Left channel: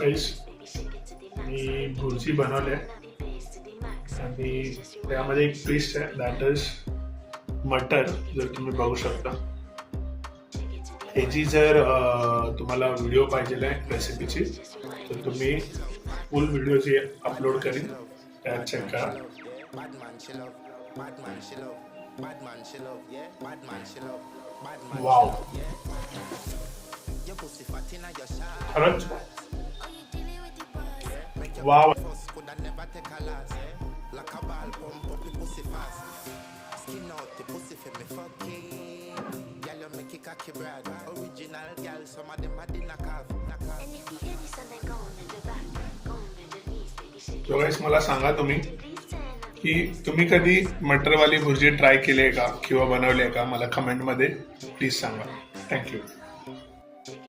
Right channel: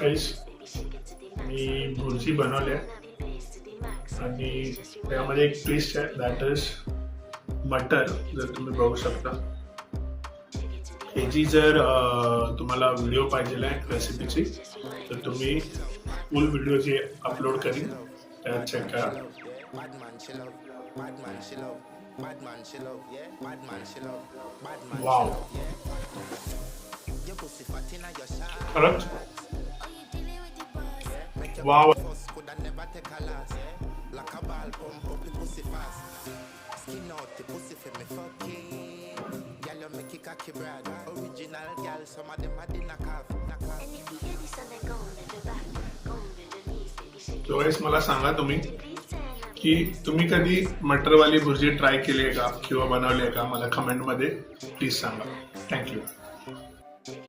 गाईस, मी भुर्जी बनवली आणि त्यामध्ये एक पीस आहे दॅट इज मटर. जर तुम्ही बघू शकता ह्याची जर तुम्हाला व्हिडिओ पाहिजे आहे रेसिपीची तर तुम्ही फुल व्हिडिओ जी अपलोड करीन त्यात चेक करा. वाव, खरंच वाव. तो गाईस मला सांगा तुम्ही की तुम्ही कधी मटरवाली भुर्जी ट्राय केली आहे का किंवा बनवली आहे का. मला कमेंटमध्ये प्लीज सांगा. थँक्यू.